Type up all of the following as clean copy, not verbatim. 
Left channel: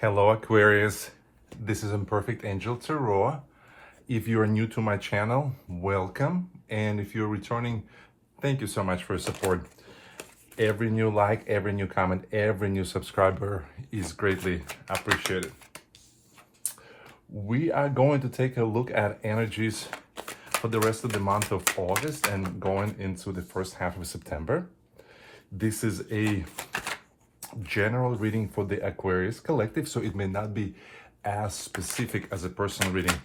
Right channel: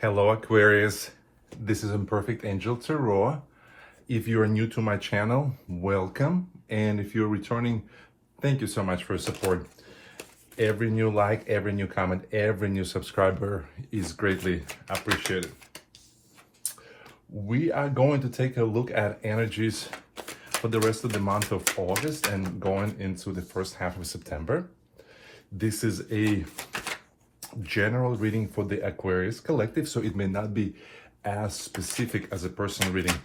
Hello Aquarius, this is Imperfect Angel Tarot. If you're new to my channel, welcome. And if you're returning, thank you so much for your support. Every new like, every new comment, every new subscriber is greatly appreciated. We are going to take a look at energies for the rest of the month of August and going into the first half of September. This is a general reading for the Aquarius collective, so it may not be as specific as a personal reading.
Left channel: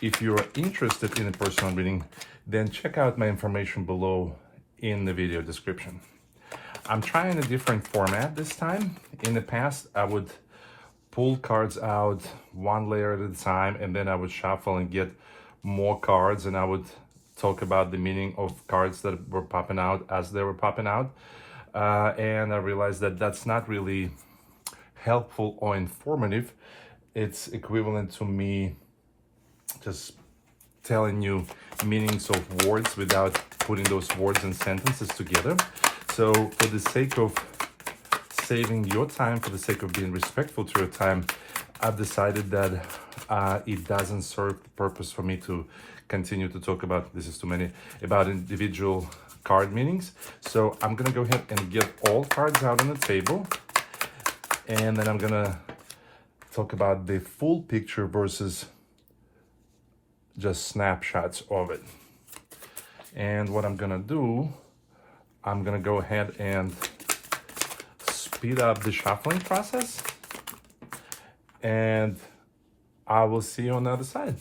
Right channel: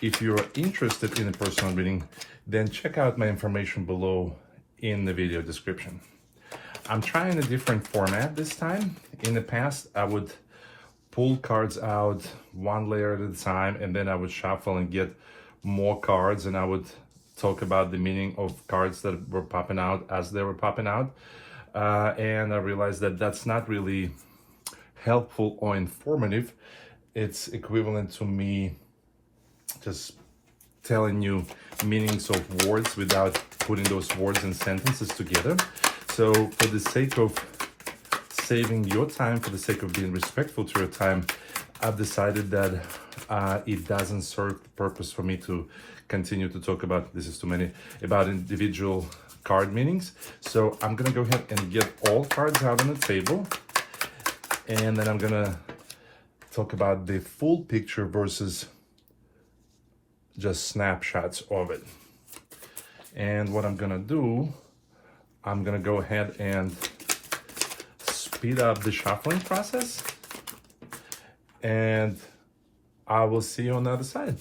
If you're interested in a personal reading, then check out my information below in the video description. I'm trying a different format this time. In the past, I would pull cards out one layer at a time, and then I would shuffle and get more cards, and I would talk about the meaning of cards that were popping out as they were popping out. And I realized that that's not really helpful or informative. It's equivalent to me just telling you meanings of words without putting those words and sentences together. So for the sake of saving your time, for the sake of being respectful to your time, I've decided that it doesn't serve the purpose for me to continue to talk about, this is too many, about individual card meanings. So I'm gonna go ahead and get all cards out on the table, and then I'm gonna talk about the full picture versus just snapshots of it. And what I'm gonna do, I'm gonna go ahead and speed up the shuffling process, and I will see you on the other side.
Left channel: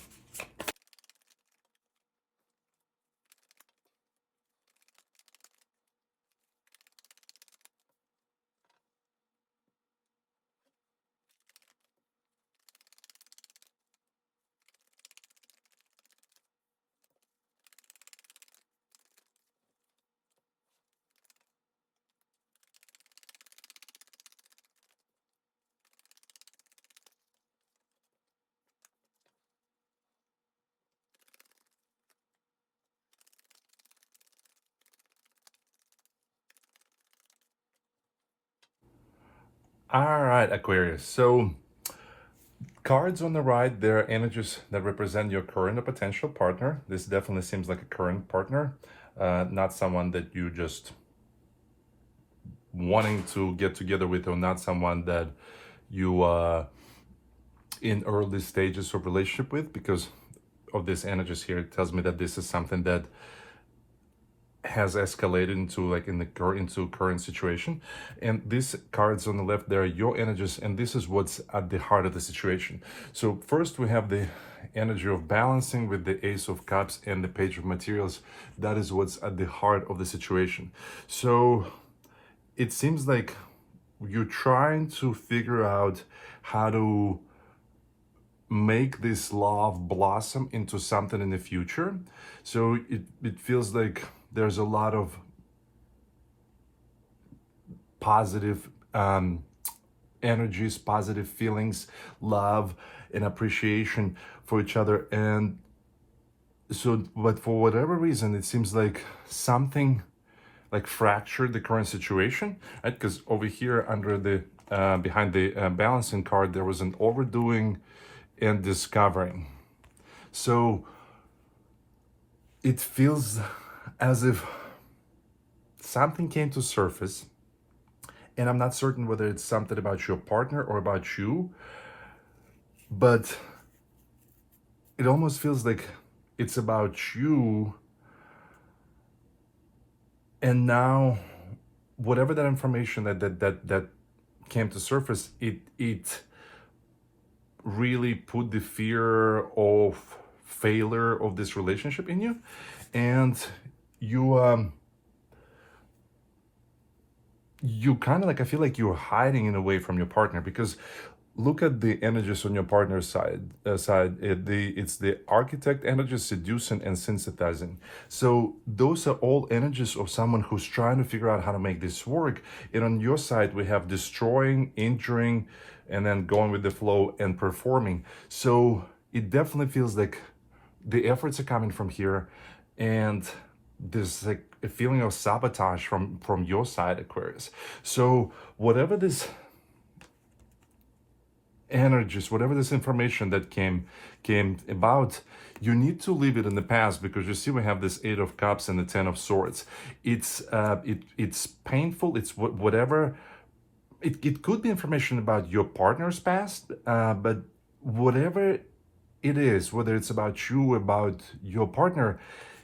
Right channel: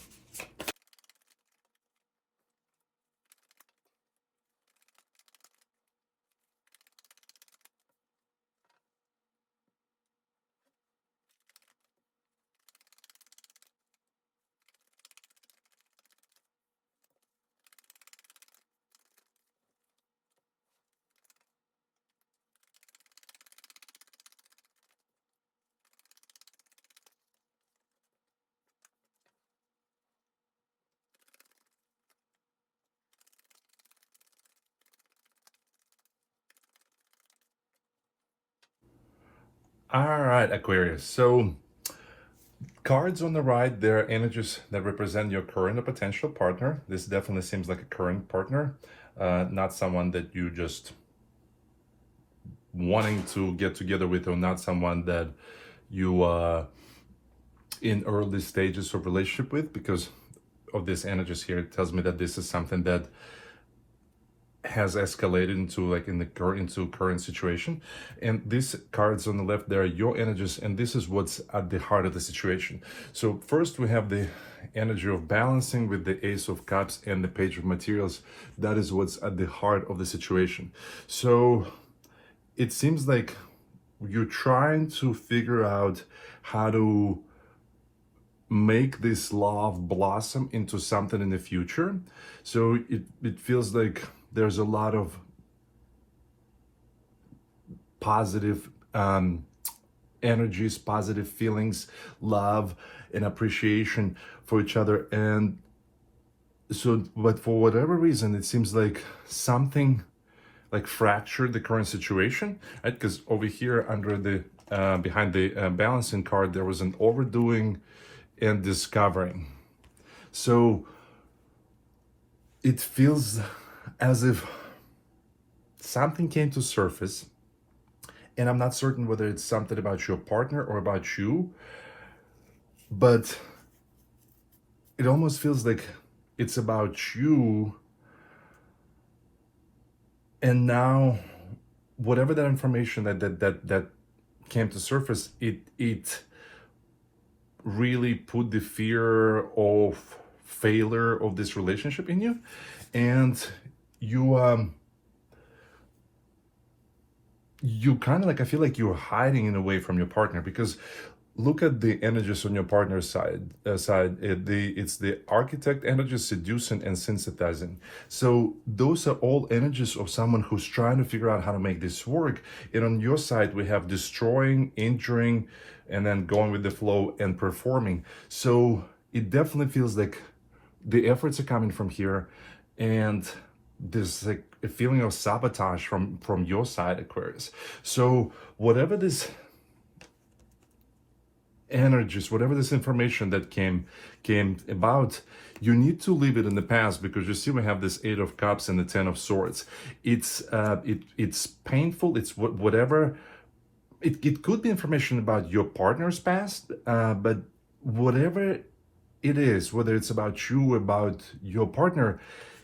All right, Aquarius. So cards on the right, there are energies that represent your current or potential partner. This definitely seems like a current partner, not someone that you just wanting to get together with, or not someone that you are in early stages of relationship with. Because of this energies here, it tells me that this is something that has escalated into current situation. And these cards on the left, there are your energies, and this is what's at the heart of the situation. So first we have the energy of balancing with the Ace of Cups and the Page of Materials. That is what's at the heart of the situation. So it seems like you're trying to figure out how to make this love blossom into something in the future. So it feels like there's a lot of positive energies, positive feelings, love and appreciation for each other. And so, but for whatever reason, it seems like something like fractured the current situation, right? Because over here under the behind the balancing card, there was an overdoing and discovering. So it feels as if something came to surface, and I'm not certain whether it's something about your partner or about you, but it almost feels like it's about you. And now whatever that information that came to surface, it really put the fear of failure of this relationship in you, and you kind of like, I feel like you're hiding in a way from your partner, because look at the energies on your partner's side. It's the Architect energy, seducing and synthesizing. So those are all energies of someone who's trying to figure out how to make this work. And on your side, we have destroying, injuring, and then going with the flow and performing. So it definitely feels like the efforts are coming from here, and there's like a feeling of sabotage from your side, Aquarius. So whatever this energies, whatever this information that came about, you need to leave it in the past, because you see we have this Eight of Cups and the Ten of Swords. It's painful. It's whatever. It could be information about your partner's past, but whatever it is, whether it's about you, about your partner,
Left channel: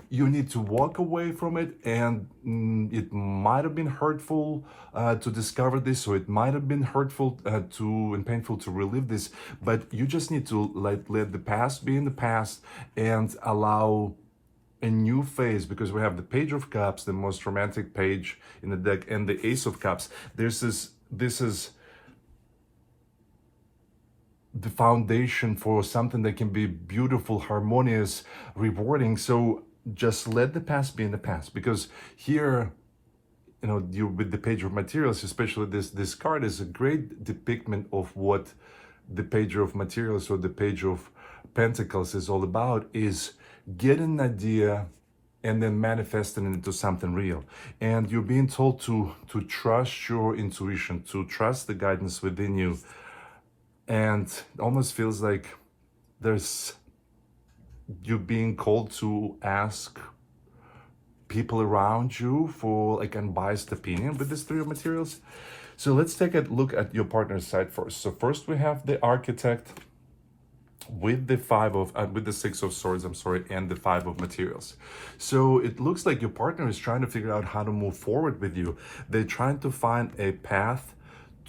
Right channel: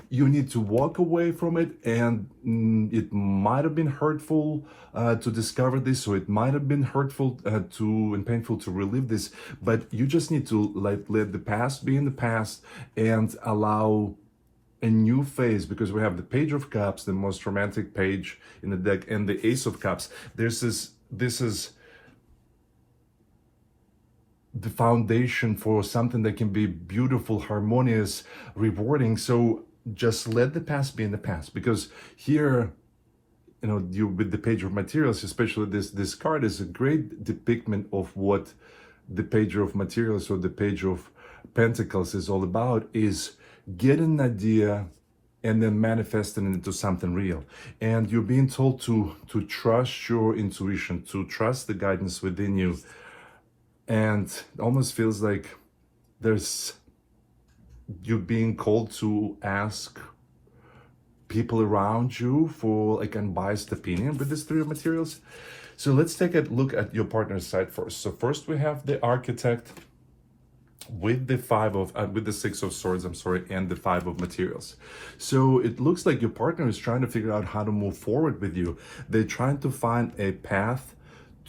you need to walk away from it. And it might have been hurtful to discover this, or it might have been hurtful and painful to relive this, but you just need to let the past be in the past and allow a new phase, because we have the Page of Cups, the most romantic page in the deck, and the Ace of Cups. This is the foundation for something that can be beautiful, harmonious, rewarding. So just let the past be in the past, because here, you know, you with the Page of Materials, especially this card is a great depiction of what the Page of Materials or the Page of Pentacles is all about, is getting an idea and then manifesting it into something real. And you're being told to trust your intuition, to trust the guidance within you. And it almost feels like you're being called to ask people around you for like unbiased opinion with this Three of Materials. So let's take a look at your partner's side first. So first we have the Architect with the with the Six of Swords, and the Five of Materials. So it looks like your partner is trying to figure out how to move forward with you. They're trying to find a path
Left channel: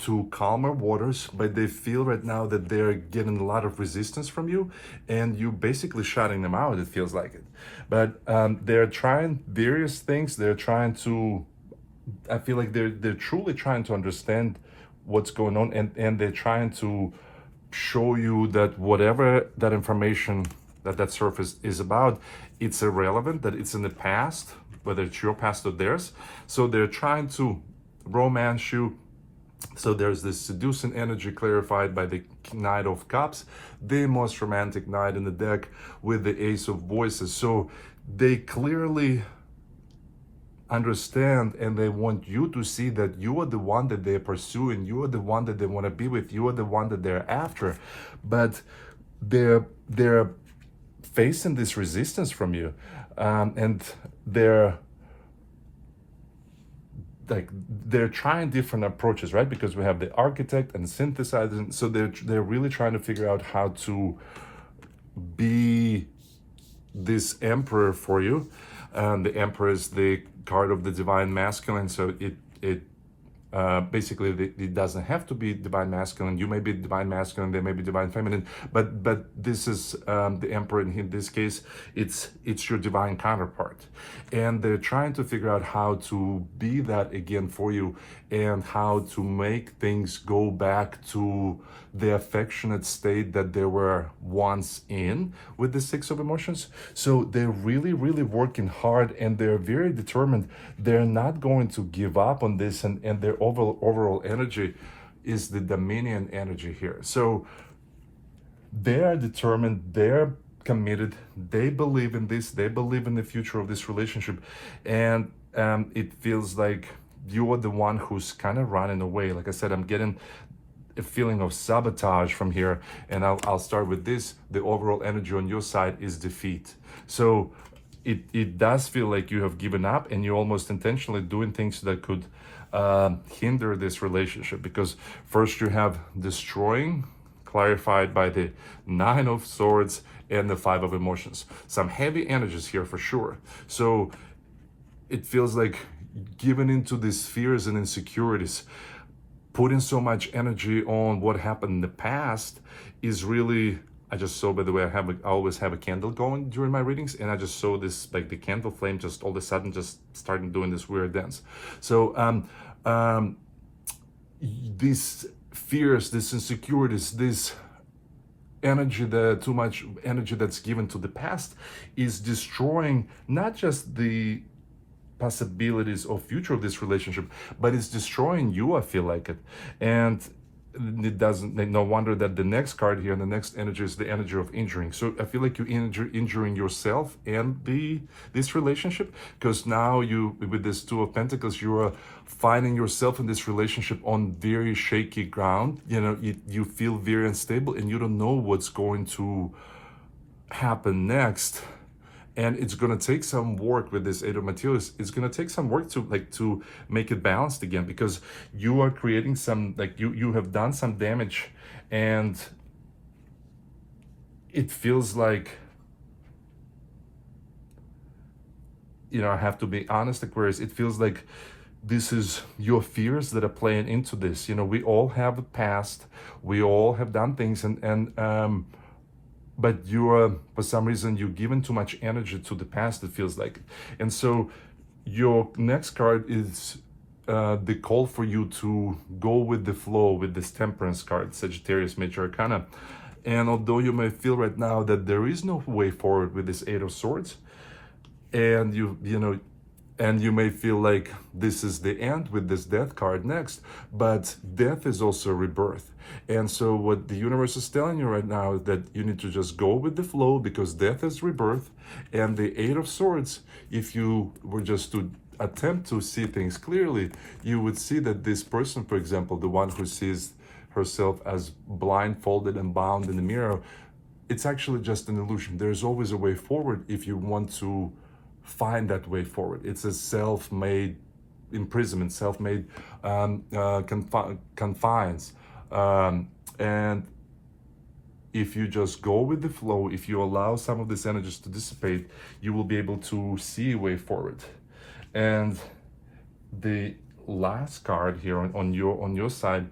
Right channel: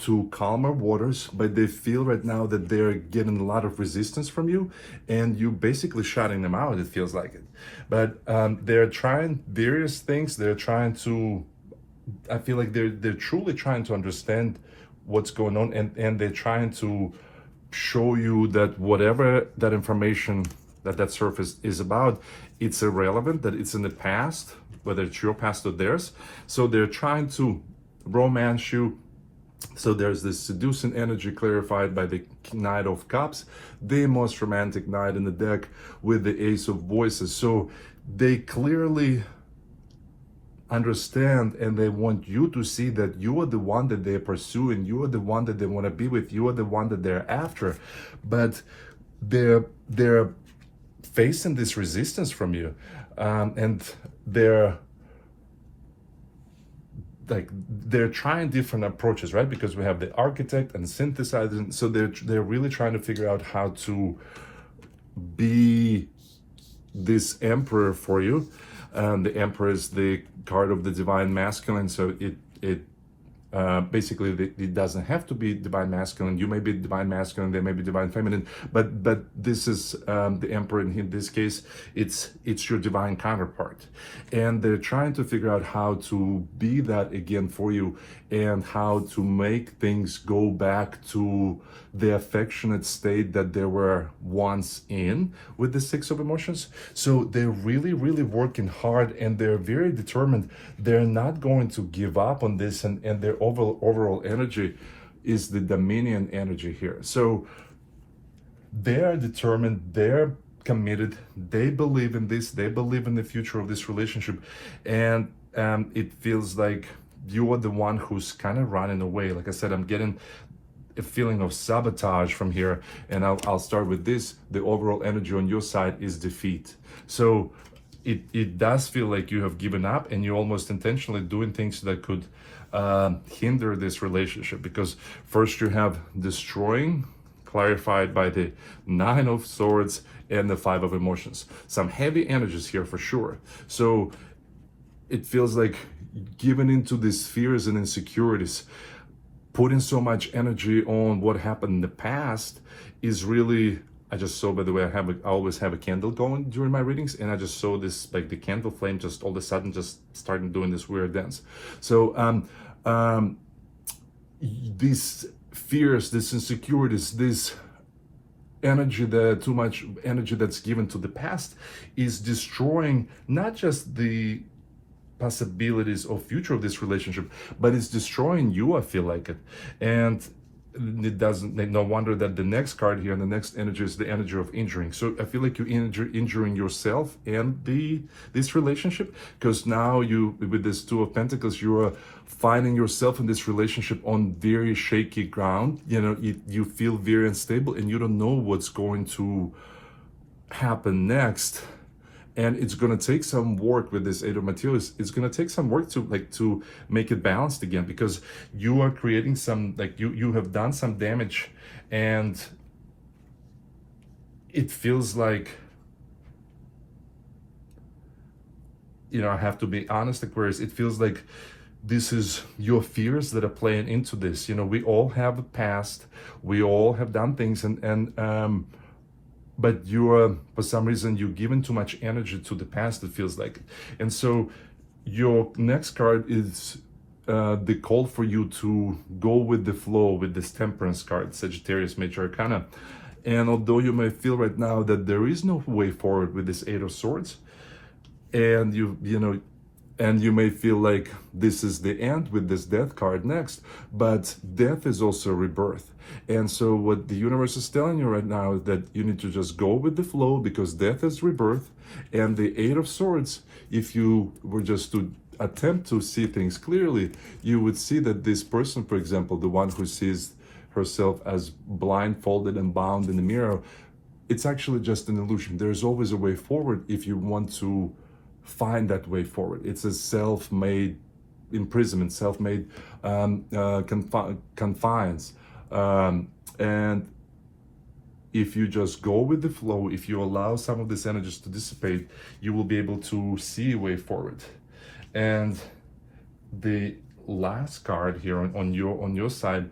to calmer waters, but they feel right now that they're getting a lot of resistance from you, and you basically shutting them out, it feels like it. But they're trying various things. They're trying to, I feel like they're truly trying to understand what's going on, and they're trying to show you that whatever that information that surface is about, it's irrelevant, that it's in the past, whether it's your past or theirs. So they're trying to romance you. So there's this seducing energy clarified by the Knight of Cups, the most romantic knight in the deck, with the Ace of Voices. So they clearly understand, and they want you to see that you are the one that they're pursuing, you are the one that they want to be with, you are the one that they're after. But they're facing this resistance from you, and they're trying different approaches, right? Because we have the Architect and synthesizing, so they're really trying to figure out how to be this Emperor for you. The Emperor is the card of the Divine Masculine, so it basically it doesn't have to be Divine Masculine. You may be Divine Masculine, they may be Divine Feminine, but this is the Emperor. In this case, it's your divine counterpart, and they're trying to figure out how to be that again for you, and how to make things go back to the affectionate state that they were once in with the Six of Emotions. So they're really working hard, and they're very determined. They're not going to give up on this, and their overall energy is the Dominion energy here. So they're determined, they're committed, they believe in this, they believe in the future of this relationship, and it feels like you are the one who's kind of running away. Like I said, I'm getting a feeling of sabotage from here, and I'll start with this. The overall energy on your side is defeat. So it does feel like you have given up, and you're almost intentionally doing things that could hinder this relationship, because first you have destroying, clarified by the Nine of Swords and the Five of Emotions. Some heavy energies here for sure. So it feels like giving into these fears and insecurities, putting so much energy on what happened in the past is really, I just saw, by the way, I always have a candle going during my readings, and I just saw this, like the candle flame just all of a sudden just starting doing this weird dance. So these fears, these insecurities, this energy, too much energy that's given to the past is destroying not just the possibilities of future of this relationship, but it's destroying you, I feel like it. And it doesn't, no wonder that the next card here and the next energy is the energy of injuring. So I feel like you injuring yourself and this relationship, because now you, with this Two of Pentacles, you are finding yourself in this relationship on very shaky ground. You know, you feel very unstable and you don't know what's going to happen next. And it's going to take some work with this Eight of Materials. It's going to take some work to make it balanced again, because you are creating some, like, you have done some damage, and it feels like, you know, I have to be honest, Aquarius, it feels like this is your fears that are playing into this. You know, we all have a past, we all have done things, and but you are, for some reason, you're giving too much energy to the past, it feels like. And so your next card is the call for you to go with the flow with this Temperance card, Sagittarius Major Arcana. And although you may feel right now that there is no way forward with this Eight of Swords, and you know, and you may feel like this is the end with this Death card next, but death is also rebirth. And so what the universe is telling you right now is that you need to just go with the flow, because death is rebirth. And the Eight of Swords, if you were just to attempt to see things clearly, you would see that this person, for example, the one who sees herself as blindfolded and bound in the mirror, it's actually just an illusion. There's always a way forward if you want to find that way forward. It's a self-made imprisonment, self-made confines. And if you just go with the flow, if you allow some of these energies to dissipate, you will be able to see a way forward. And the last card here on your side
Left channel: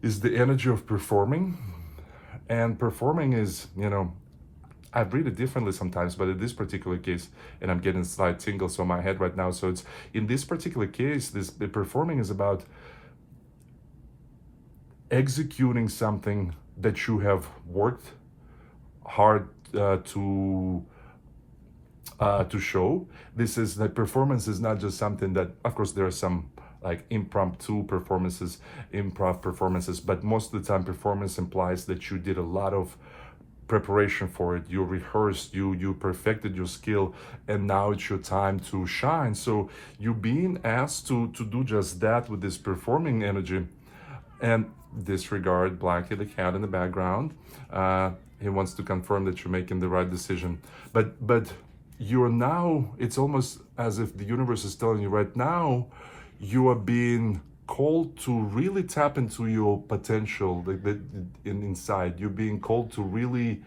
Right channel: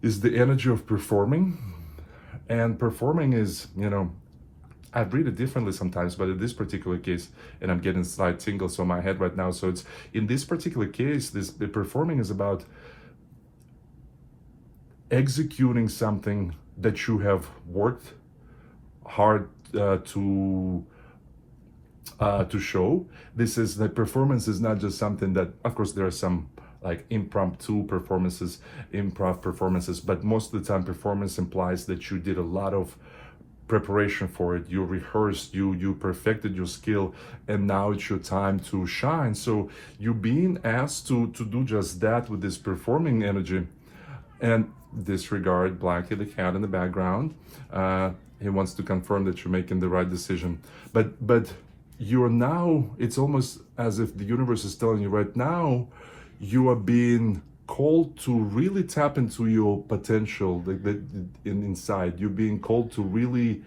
is the energy of performing. And performing is, you know, I read it differently sometimes, but in this particular case, and I'm getting slight tingles on my head right now, so it's, in this particular case, the performing is about executing something that you have worked hard to show. This is, the performance is not just something that, of course, there are some like impromptu performances, improv performances, but most of the time performance implies that you did a lot of preparation for it. You rehearsed, you perfected your skill, and now it's your time to shine. So you're being asked to do just that with this performing energy. And disregard Blackie the cat in the background. He wants to confirm that you're making the right decision. But you're now, it's almost as if the universe is telling you right now, you are being called to really tap into your potential, like inside. You're being called to really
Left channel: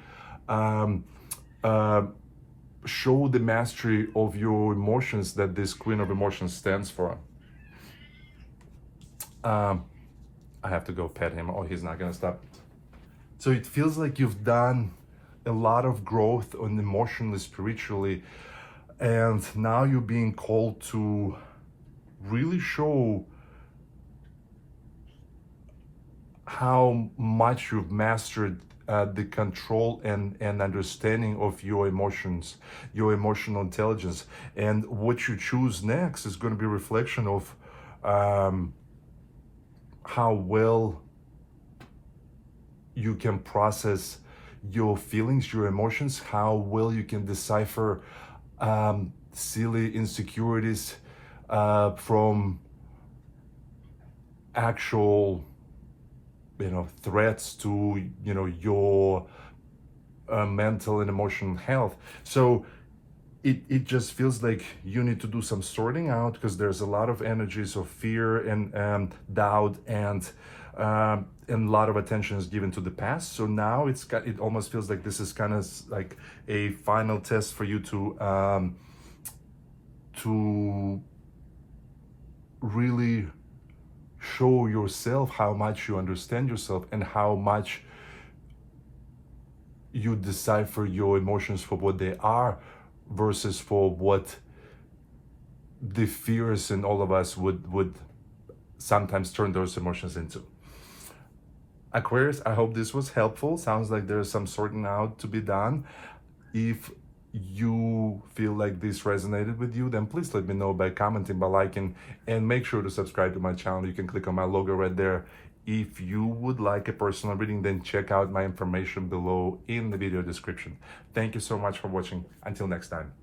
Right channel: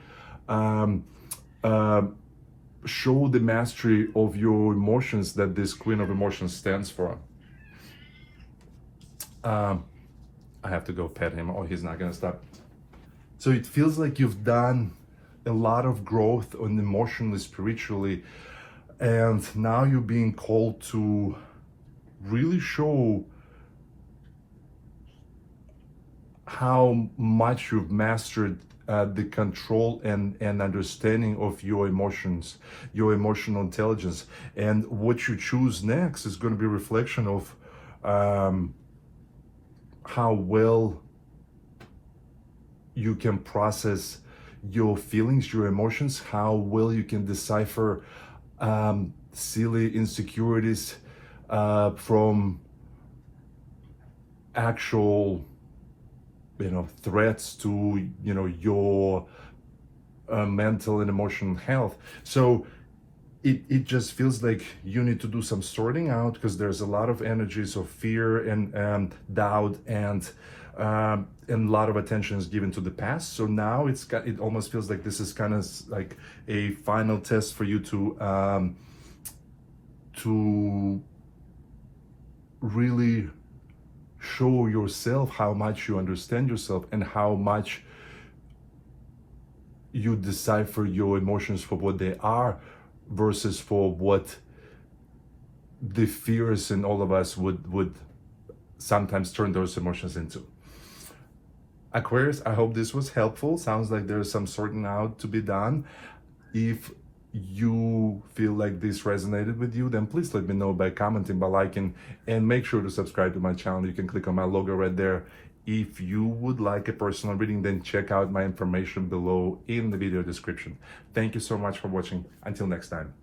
show the mastery of your emotions that this Queen of Emotions stands for. I have to go pet him, or he's not gonna stop. So it feels like you've done a lot of growth on emotionally, spiritually, and now you're being called to really show how much you've mastered the control and understanding of your emotions, your emotional intelligence. And what you choose next is going to be a reflection of how well you can process your feelings, your emotions, how well you can decipher silly insecurities from actual, you know, threats to, you know, your mental and emotional health. So it just feels like you need to do some sorting out, because there's a lot of energies of fear and doubt, and a lot of attention is given to the past. So now it almost feels like this is kind of like a final test for you to really show yourself how much you understand yourself and how much you decipher your emotions for what they are versus for what the fears in all of us would sometimes turn those emotions into. Aquarius, I hope this was helpful. Sounds like there's some sorting out to be done. If you feel like this resonated with you, then please let me know by commenting, by liking, and make sure to subscribe to my channel. You can click on my logo right there If you would like a personal reading, then check out my information below in the video description. Thank you so much for watching. Until next time.